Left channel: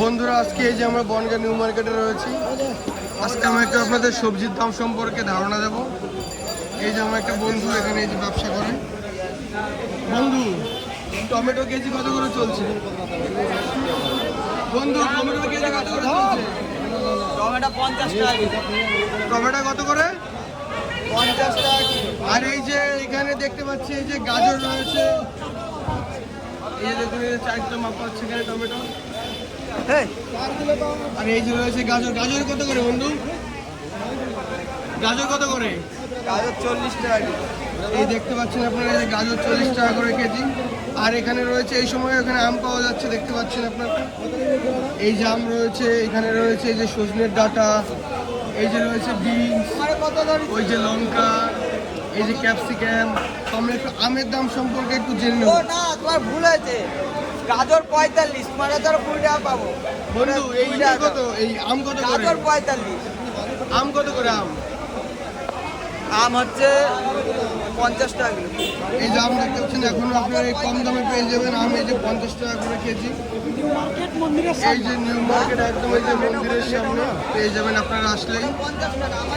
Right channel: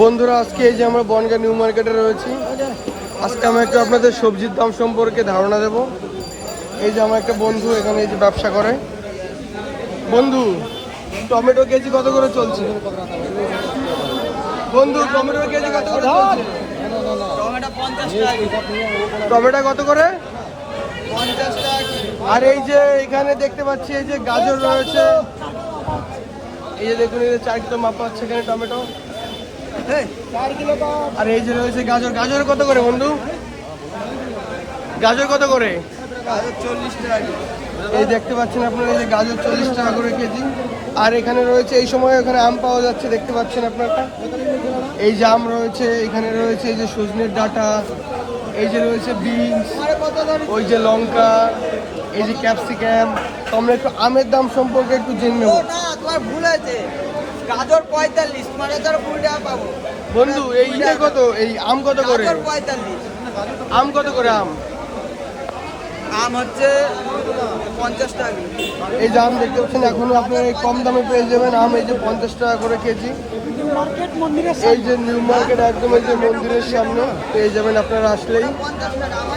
বন্ধুরা আজকে এই যে আমরা বনগাঁ নিউ মার্কেটে রয়েছি। আজকে আমরা একটু আপনাদের সবজির দাম সম্পর্কে ধারণা দেব। এই যে আমার একটা বন্ধু এখানে এই যে ব্যবসা করে। বন্ধু, টমেটো কেজি কত করে চলছে? বন্ধু, টমেটো কেজি কত করে চলছে? টমেটো 50 টাকা। টমেটো কত করে? 50 টাকা। আর এই যে এখানে দেখতে পাচ্ছি এই যে গাজর রয়েছে। এই যে দেখুন, এই যে 4 কিলো মাপ আছে এখানে টমেটো। হ্যাঁ, আর এই যে রয়েছে গাজর। গাজর কত করে বন্ধু? গাজর কত করে? গাজর 40 টাকা কেজি। এই দেখতে পাচ্ছেন আপনারা, এই যে গাজর 40 টাকা করে কেজি। আর এখানে রয়েছে এই সময় এখানে আম পাওয়া যাচ্ছে, দেখতে পাচ্ছেন আপনারা। এই যে আম রয়েছে, এখানে রয়েছে এই যে সজনের ডাঁটা, এই যে রয়েছে বিনস, ওই যে লঙ্কা, এই যে ক্যাপসিকাম। তো আমরা একটু আমের দাম সম্পর্কে একটু জেনে ও নেব। না, তোমার ভুল হয়েছে। গাজর 45, মানে ধরো 20 টাকা পাবো। বন্ধু, এই কত? এই আম কত করে? গাজর 45। আম কত করে আম? আম হচ্ছে 50 টাকা কিলো। এই যে আম দেখতে পাচ্ছেন, এখনো আপনারা এই কম দামে পেয়ে যাবেন আম। এই যে 50 টাকা করে কেজি। এই যে নিউ মার্কেট একদম এই যে মন্দিরের সামনে পেয়ে যাবেন আপনারা আসলেই। 50 টাকা আমার